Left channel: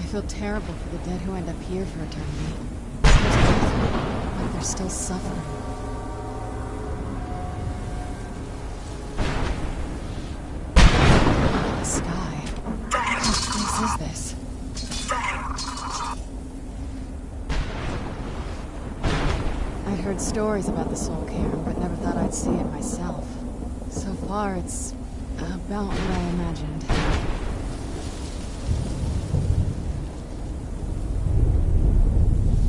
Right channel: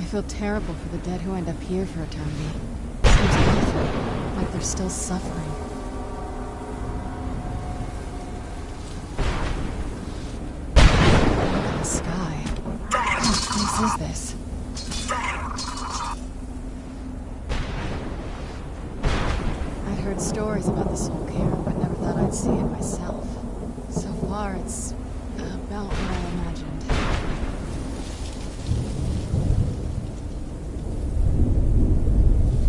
I feel terrible for the dead who end up here for eternity. Seems awful, like they're still suffering. Look at the sky. What place is this? I'd heard stories about the Soul Cairn, but never thought I'd see it myself. So far, it's about what I imagined.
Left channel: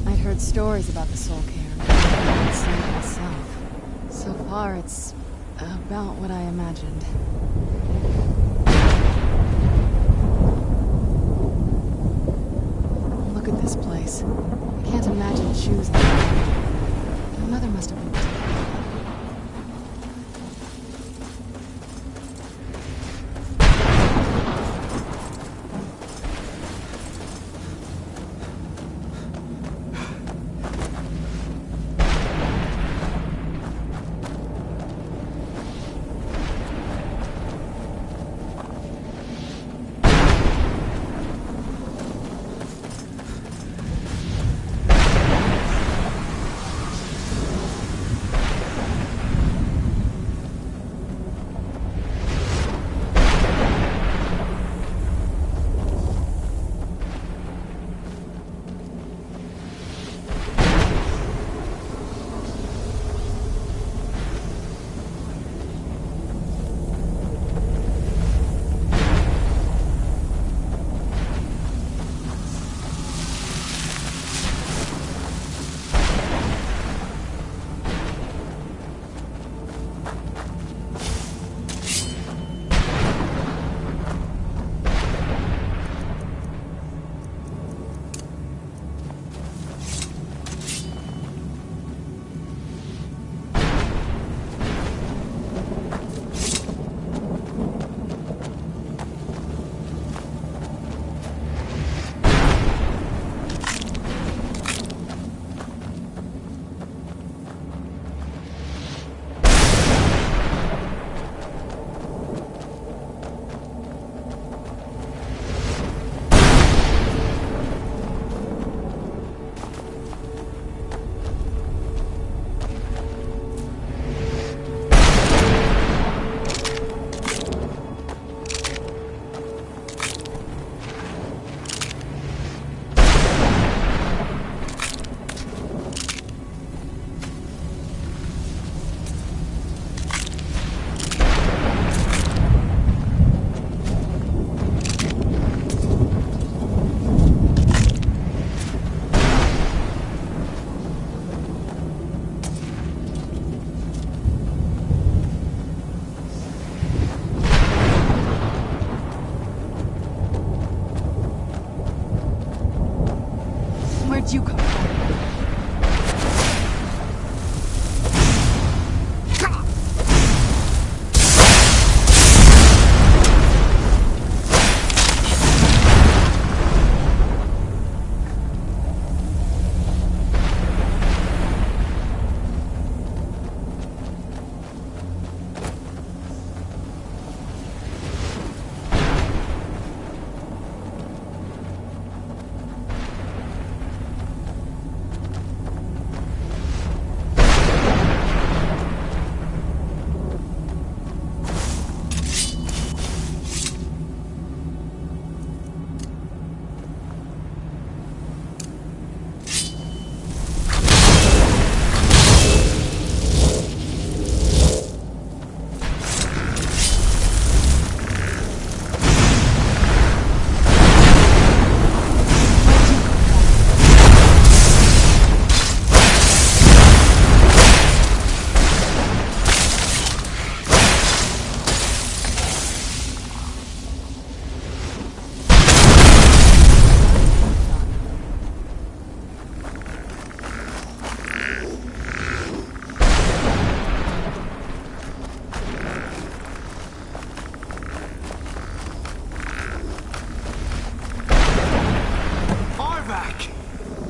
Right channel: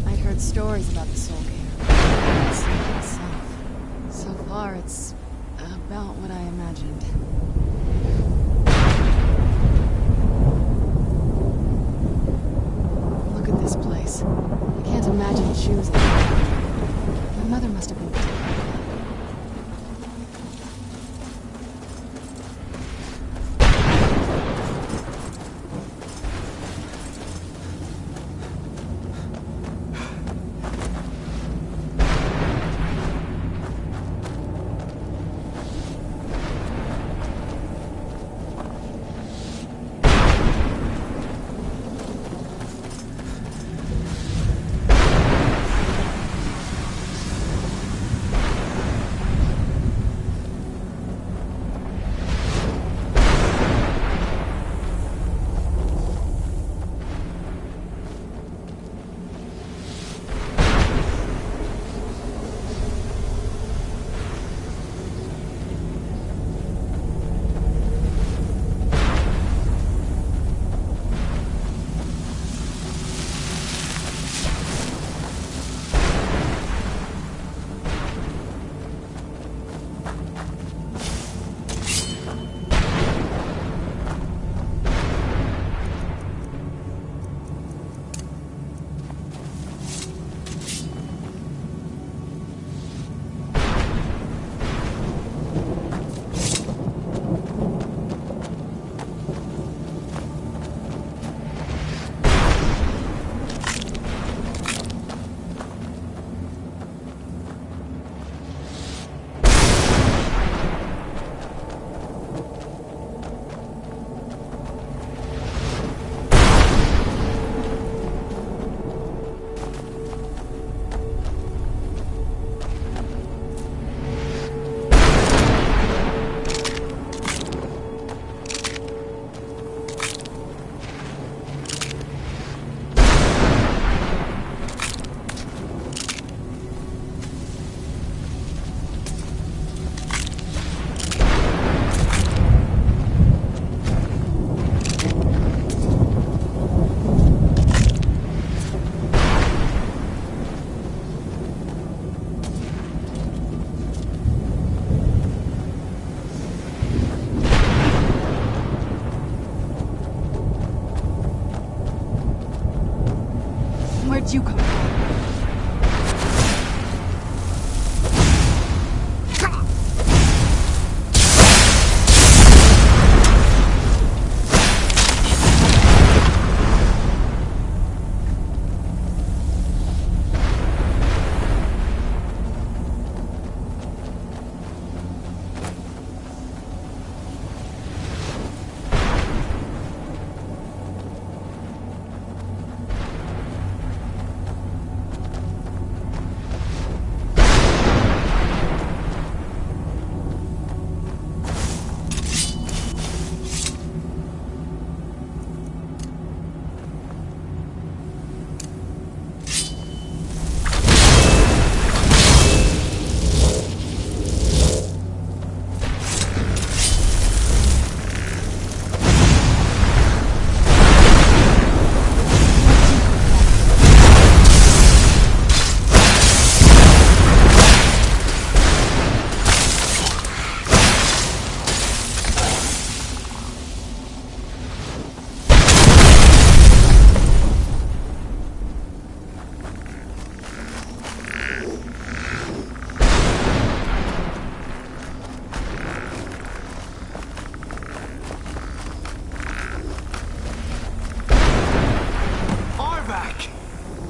I'd heard stories about the Soul Cairn, but never thought I'd see it myself. So far, it's about what I imagined. Look at this place. I can't imagine choosing it. My mother must have been terrified. Where'd you come from?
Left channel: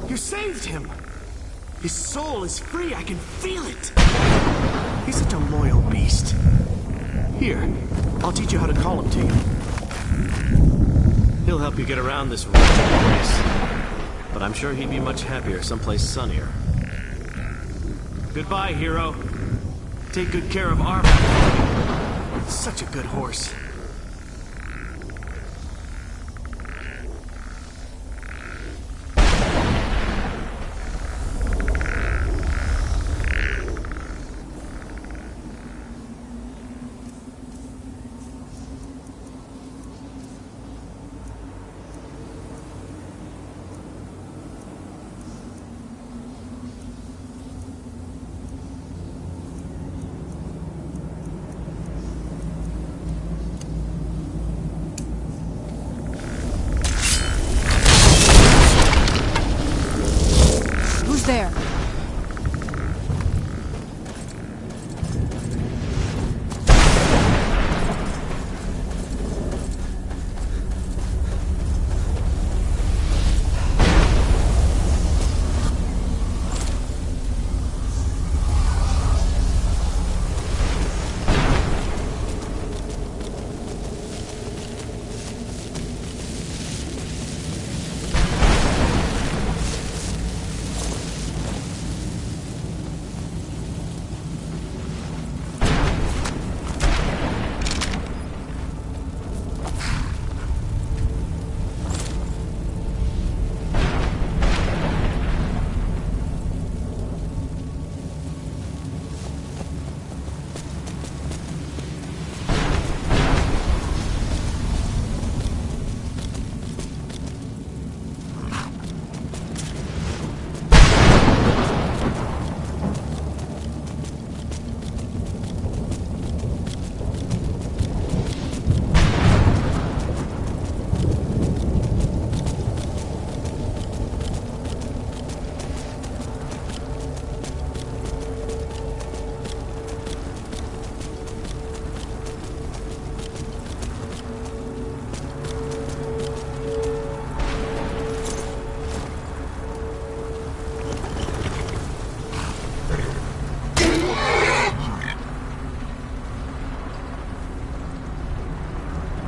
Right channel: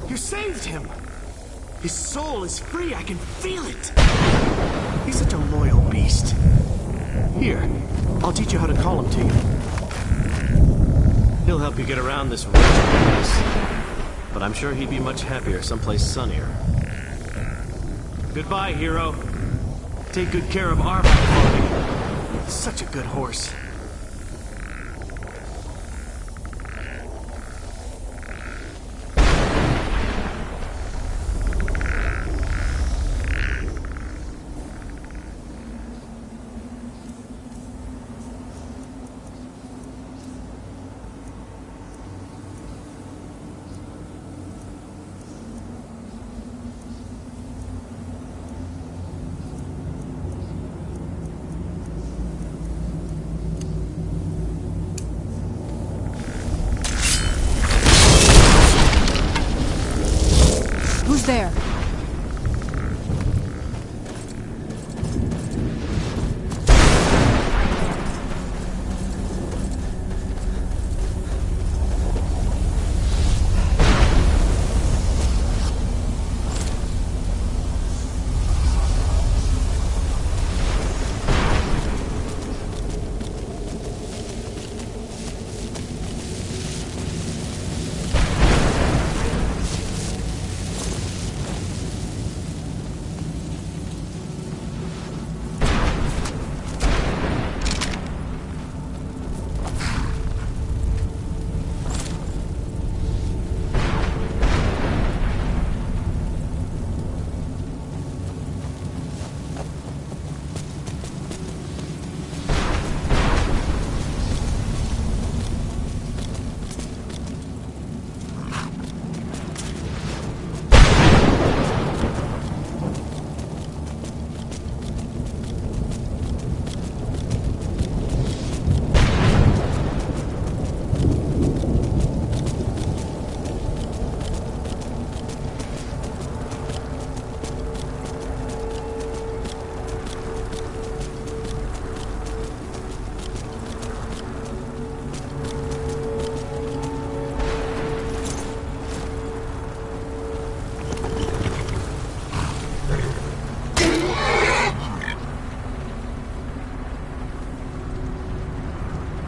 You saved him! His soul is free, I can feel it! He's such a loyal beast. Here, I'll teach you how to call him to you. He'll help you get around this wretched place. But I'm sure he'd be much happier someplace sunnier. Goodbye, hero. Take good care of Arbat for me. Such a good horse. Who's there?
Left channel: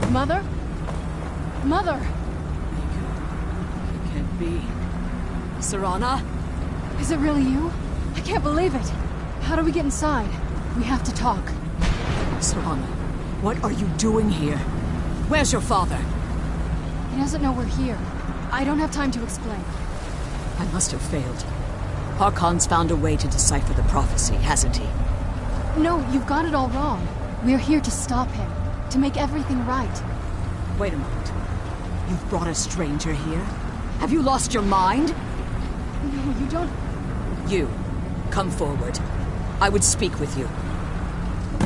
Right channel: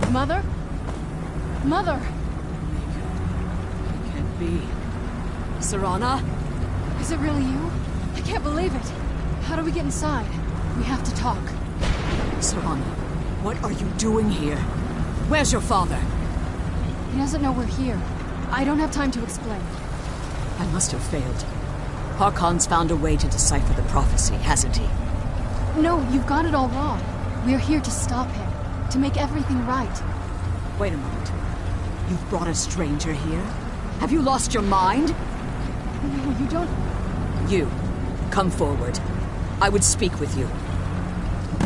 Mother? Mother! It can't be. Serana? Is it really you? I can't believe it. How do we get inside? We have to talk. Serana, what are you doing here? Where's your father? He doesn't know we're here. I don't have time to explain. I must have failed. Harkon's found a way to decipher the prophecy, hasn't he? No, you've got it all wrong. We're here to stop him. To make everything right. Wait a moment. You've brought a stranger here? Have you lost your mind? No, you don't... You, come forward. I would speak with you.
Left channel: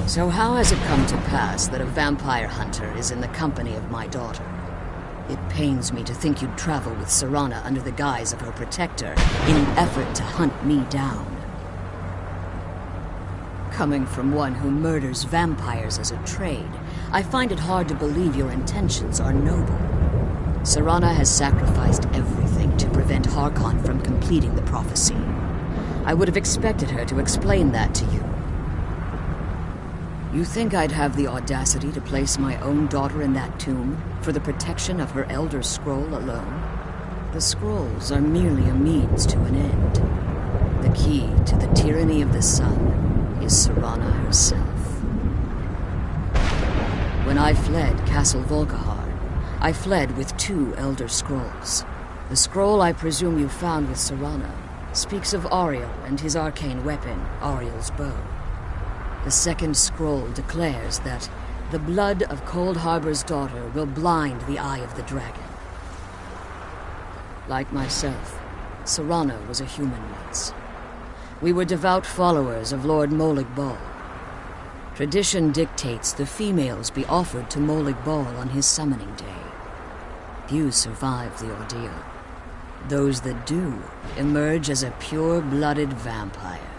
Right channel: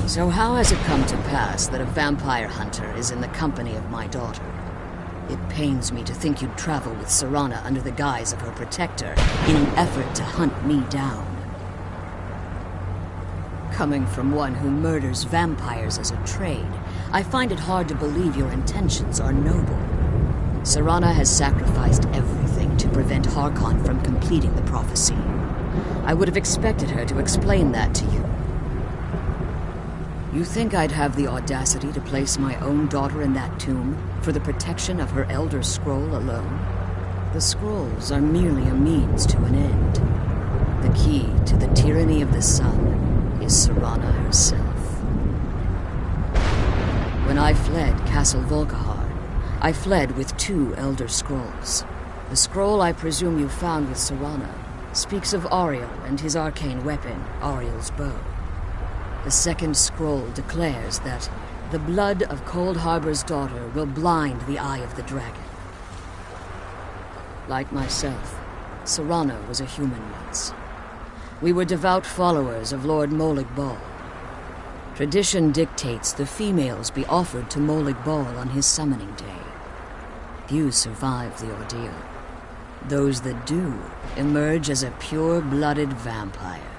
So how has it come to pass that a vampire hunter is in the company of my daughter? It pains me to think you'd travel with Serana under the guise of her protector in an effort to hunt me down. Coming from one who murders vampires as a trade, I find it hard to believe your intentions are noble. Serana has sacrificed everything to prevent Harkon from completing the prophecy. I would have expected her to explain that to you. You think I'd have the audacity to place my own daughter in that tomb for the protection of her Elder Scroll alone? The scrolls are merely a means to an end. The key to the tyranny of the sun is Serana herself. When I fled Castle Volkihar, I fled with 2 Elder Scrolls. The scroll I presume you found with Serana speaks of Ariel and his arcane weapon, Ariel's bow. The second scroll declares that the blood of Cold Harbor's daughter will blind the eye of the dragon. Like myself, Serana was a human once. We were devout followers of Lord Molig Bal. Tradition dictates the females be offered to Molig Bal on his summoning day. Few survive the ordeal. Those that do emerge as a pure-blooded vampire.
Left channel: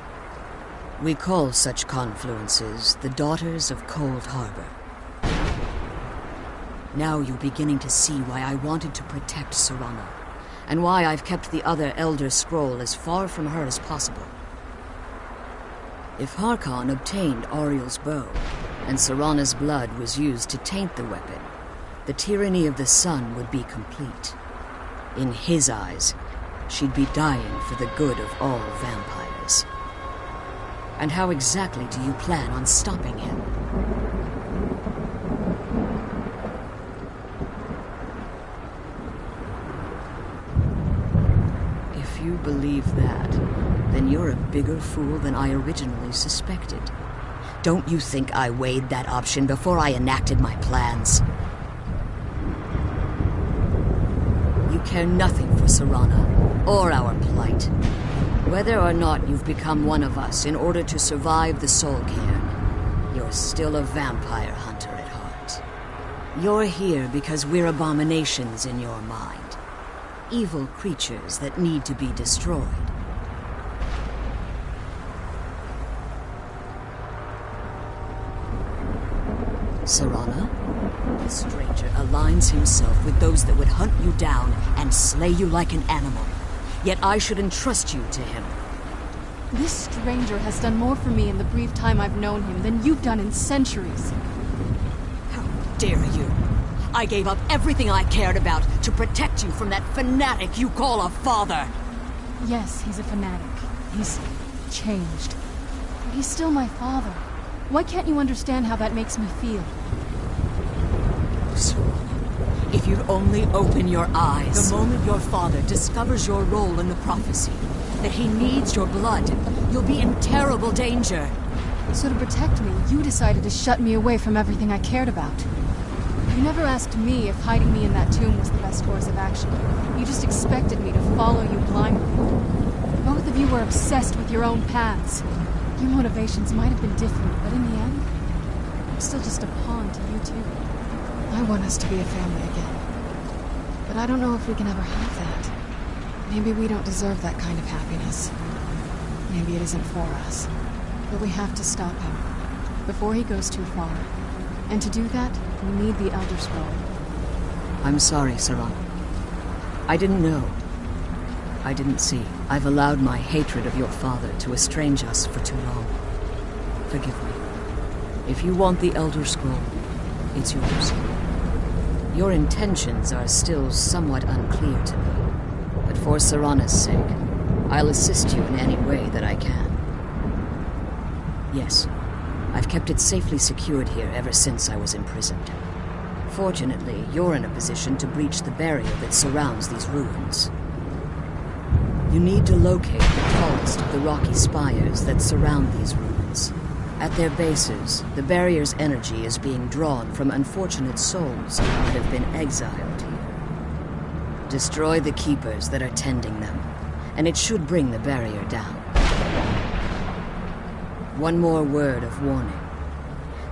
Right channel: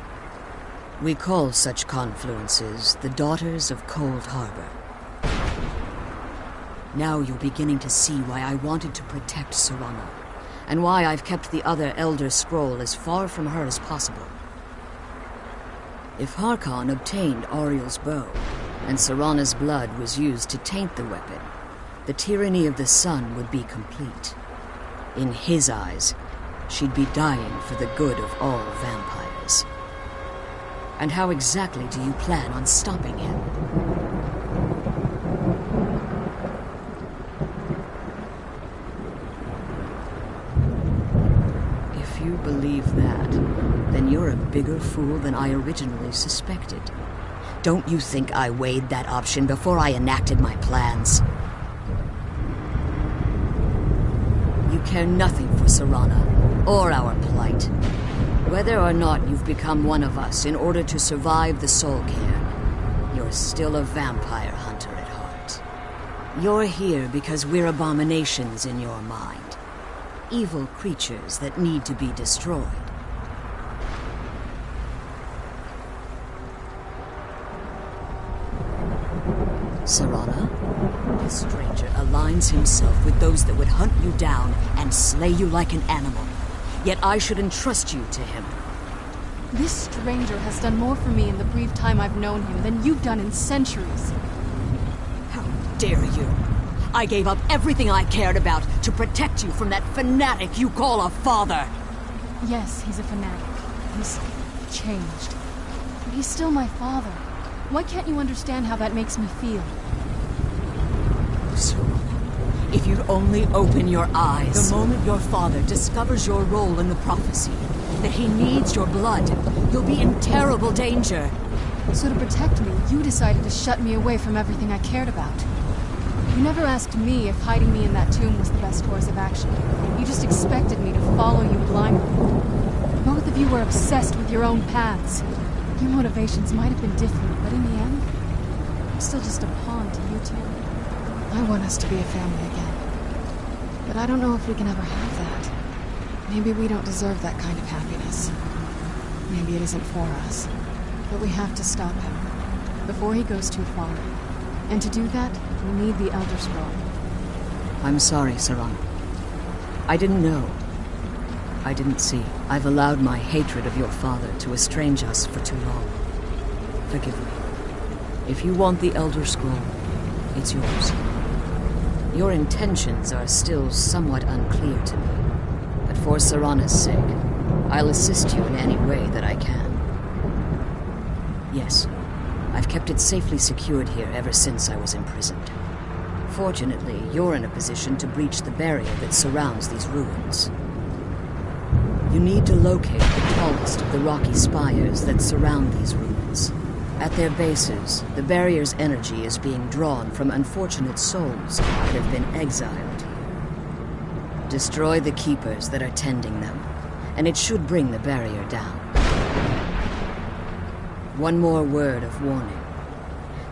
We call such confluences the Daughters of Cold Harbor. Now you're beginning to see why I wanted to protect Serana, and why I've kept the other Elder Scroll as far from her as possible. If Harkon obtained Ariel's bow, and Serana's blood was used to taint the weapon, the tyranny of the sun would be complete. In his eyes, she'd be dying for the good of all vampires. And how exactly do you plan on stopping him? If you believe that, then you're a bigger fool than I originally suspected. Don't you think I weighed that option before I enacted my plans? You care nothing for Serana, or our plight. Whether or not you've become one of us in order to survive the Soul Cairn, you're still a vampire hunter at heart. You're here because we're abominations in your mind. Evil creatures that need to be destroyed. Serana? This stranger aligns himself with those that would hunt you down and slay you like an animal. Yet I should entrust you to him. This stranger has done more for me in the brief time I've known him than you've done in centuries. How dare you! I gave up everything I cared about to protect you from that fanatic you call a father! Yes, he's a fanatic. He's changed. But he's still my father. Why can't you understand how that makes me feel? Serana, if you'd only open your eyes. The moment your father discovers your role in the prophecy, that he needs your blood, you'll be in terrible danger. So to protect me, you decided to shut me away from everything I cared about. You never asked me if hiding me in that tomb was the best course of action. You just expected me to follow you blindly. Both of you were obsessed with your own paths. Your motivations might have been different, but in the end, I'm still just a pawn to you two. I want us to be a family again. But I don't know if we can ever have that. Maybe we don't deserve that kind of happiness. Maybe it isn't for us. But we have to stop him, before he goes too far. And to do that, we need the Elder Scroll. I'm sorry, Serana. I didn't know. I didn't see. I've allowed my hatred of your father to estrange us for too long. Forgive me. If you want the Elder Scroll, it's yours. Your intentions are still somewhat unclear to me, but for Serana's sake, I'll assist you in any way that I can. Yes, I've kept it safely secured here ever since I was imprisoned. Fortunately, you're in a position to breach the barrier that surrounds these ruins. You need to locate the tallest of the rocky spires that surround these ruins. At their bases, the barrier's energy is being drawn from unfortunate souls that have been exiled here. Destroy the keepers that are tending them, and it should bring the barrier down. One more word of warning.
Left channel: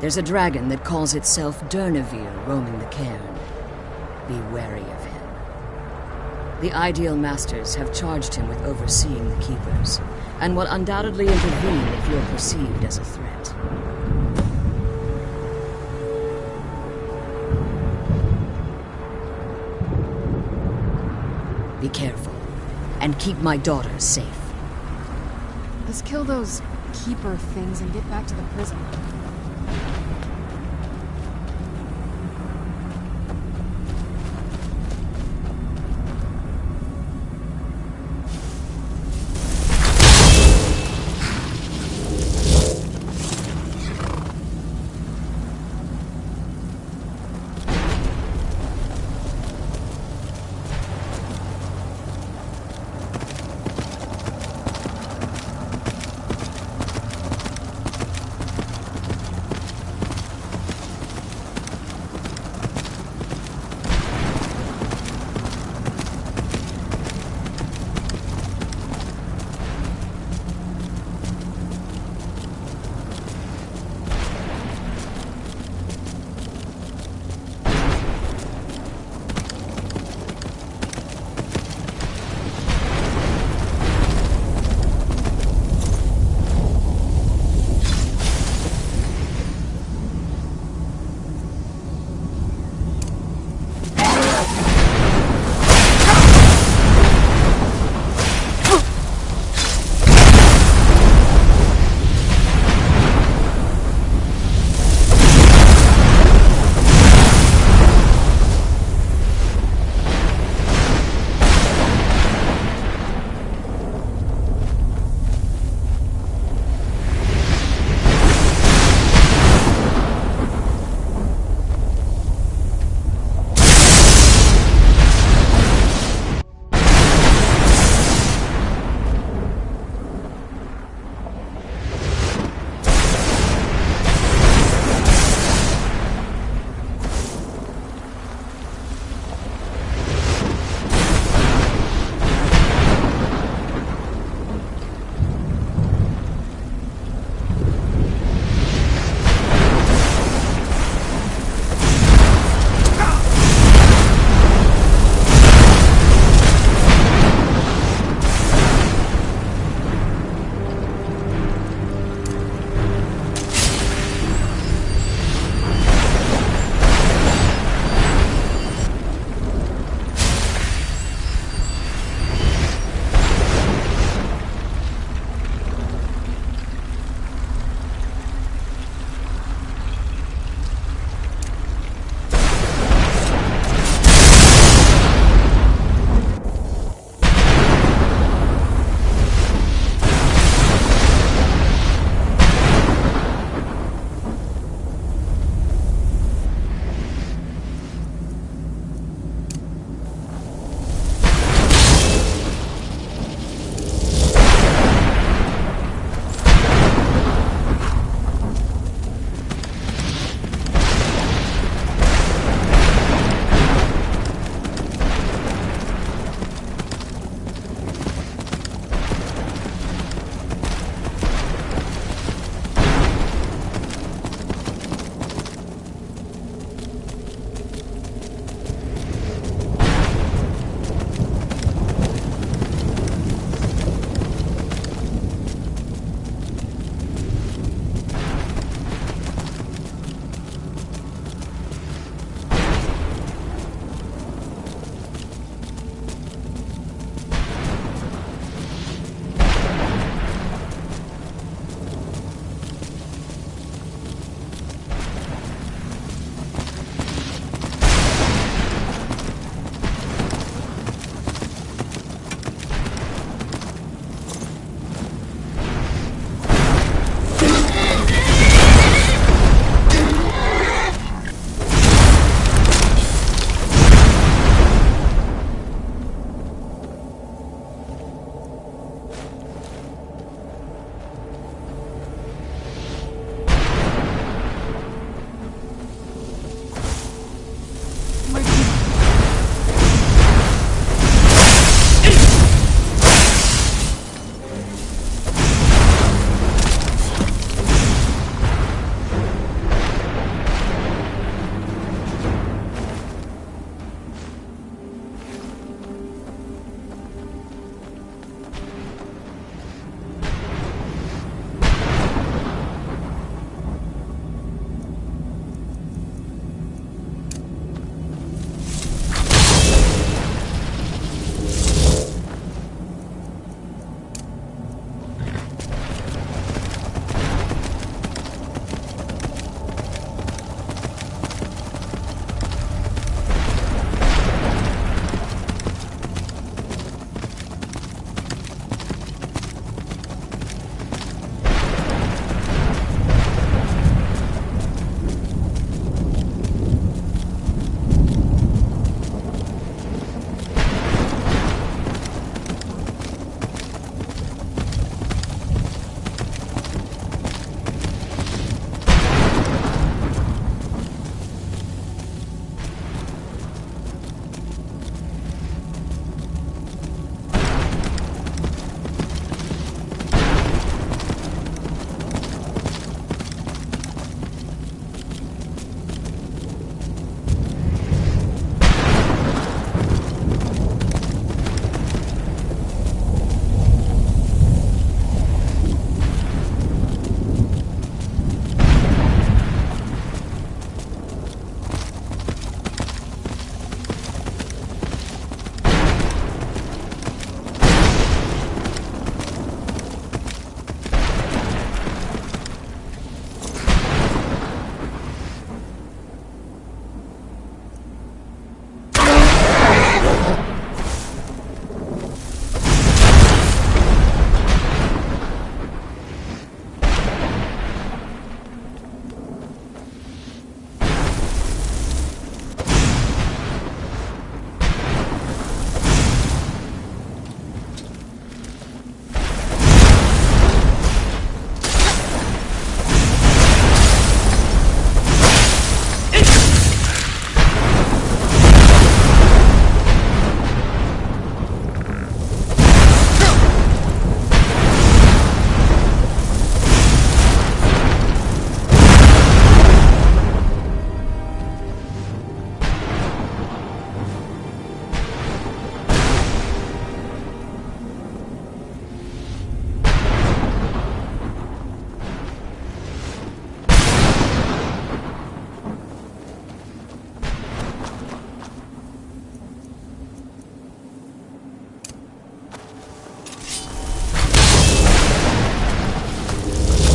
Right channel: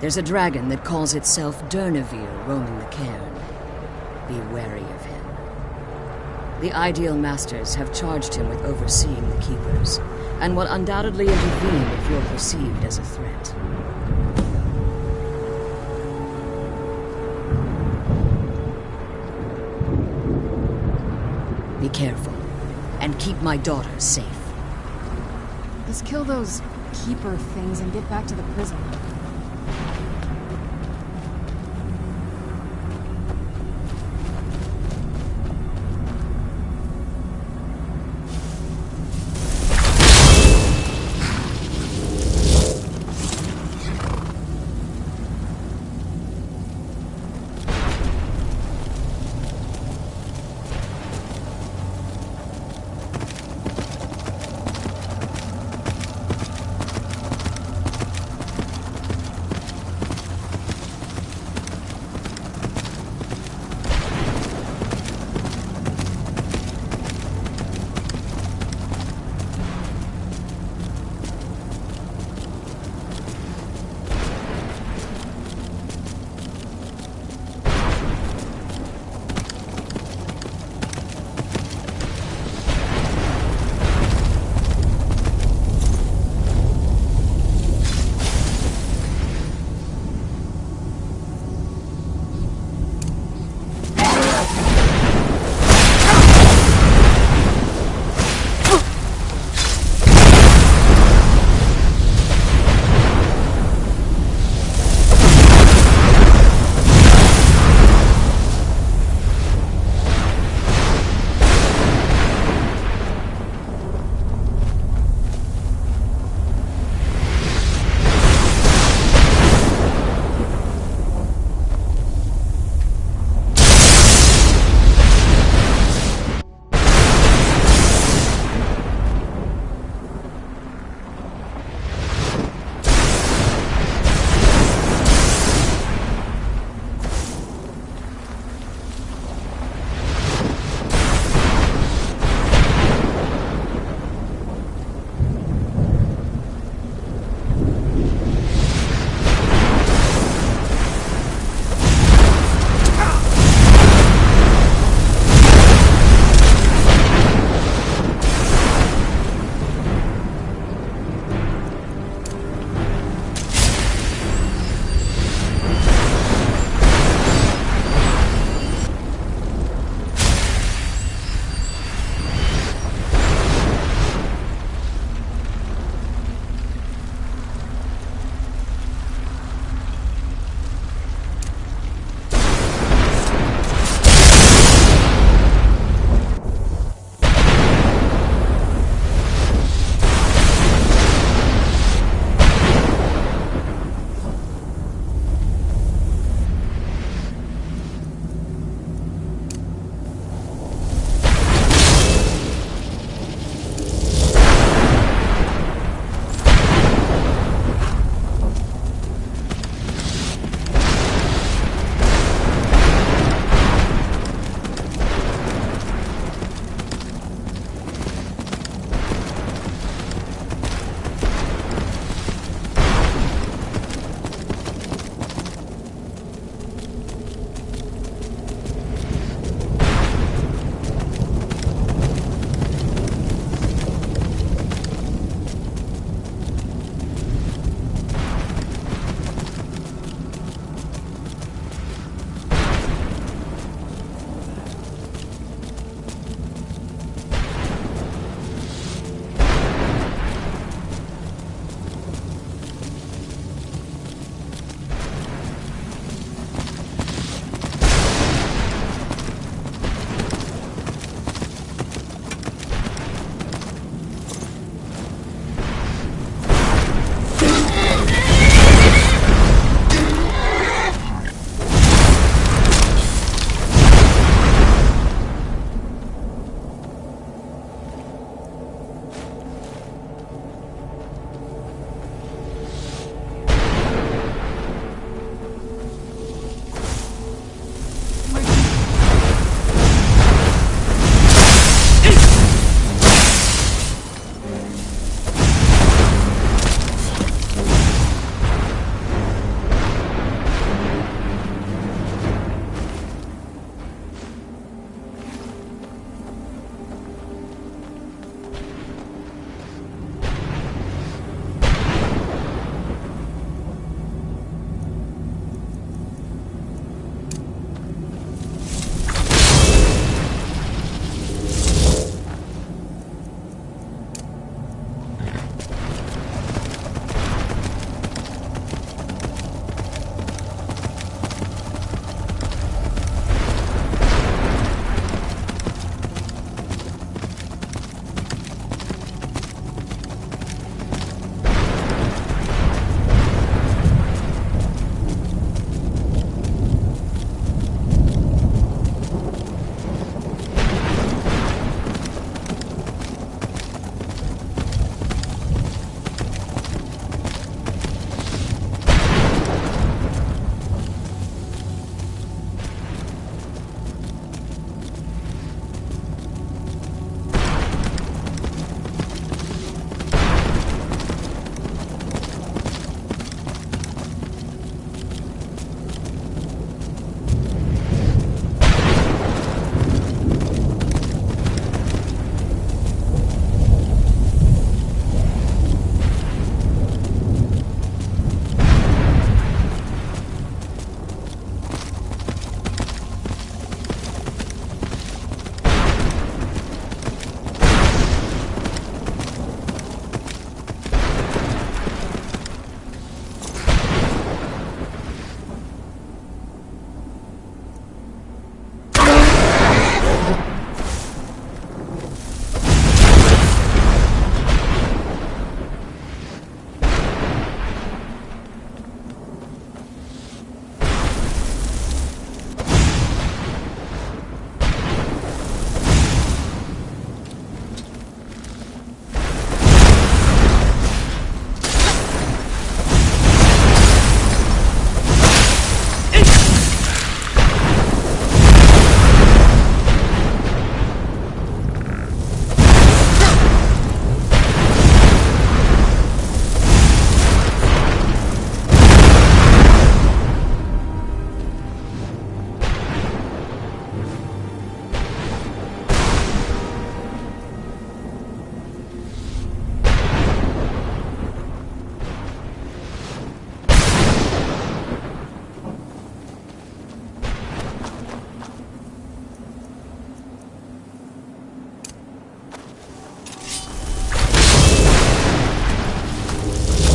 There's a dragon that calls itself Durnevere roaming the cairn. Be wary of him. The Ideal Masters have charged him with overseeing the Keepers, and will undoubtedly intervene if you're perceived as a threat. Be careful, and keep my daughter safe. Let's kill those Keeper things and get back to the prison.